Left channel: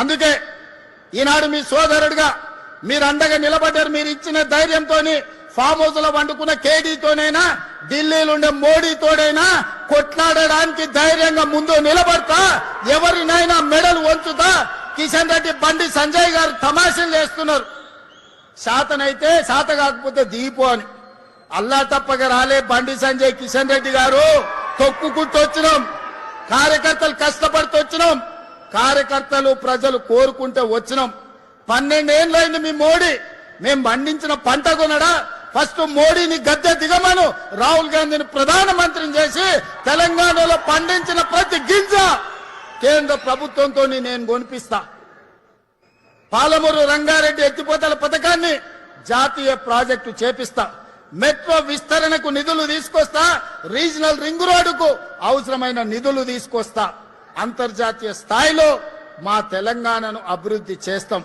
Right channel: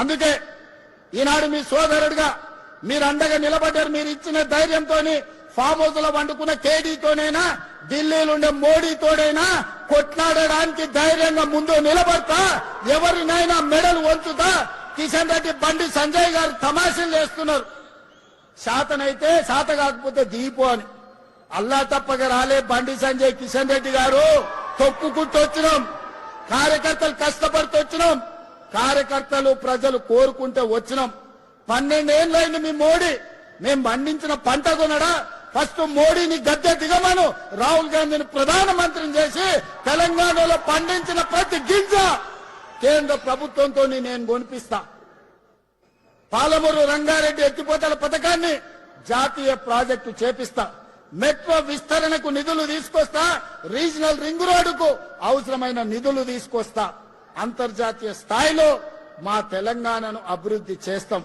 అందుకే ఈనాడు మీ సోదరుడిగా మీరు అండగా నిలబడ్డారు. మీరు ఇచ్చిన ధైర్యంతో ఫామ్ హౌస్ లో వండుకున్న కేడీతోనైనా ఢిల్లీలో ఉండే మోడీతోనైనా కొట్లాడడానికి ధైర్యంగా ముందు నిలబడతా, ఎవరినైనా మెడలు వంచుతా. కిషన్ రెడ్డి బండి సంజయ్ గారు తమాషలు చేస్తున్నారు. శాతనైతే శాత కాకపోతే దీపు అని అల్లా తప్పగా రాలే. బండి సంజయ్ కిషన్ రెడ్డి గారు తొక్కుకుంటూ వచ్చినాం, కార్యకర్తలు కష్టపడుతూ వచ్చినాం, కార్యకర్తలు ప్రజలు కోరుకుంటే వచ్చినాం. 12 ఏళ్ళైంది మీ మోడీ. మేము పండించిన పంట కొనడా? ఫస్ట్ మోడీని గద్దె దిగమను, రాహుల్ గాంధీని ప్రధానమంత్రిని చేసి తెలంగాణలో పండించిన ప్రతి గింజ కేంద్ర ప్రభుత్వంతో నేను కొనిపిస్తా. పాలమూరు రంగారెడ్డి ఎత్తిపోతల పథకాన్ని జాతీయ ప్రాజెక్టు చేపిస్తా. మెట్రో విస్తరణకు నిధులు తీసుకొస్తా. రీజనల్ రింగ్ రోడ్డుకు అవసరమైన నిధులు తీసుకొస్తా. అంతర్జాతీయ స్థాయిలో మా తెలంగాణను అభివృద్ధి చేస్తాం.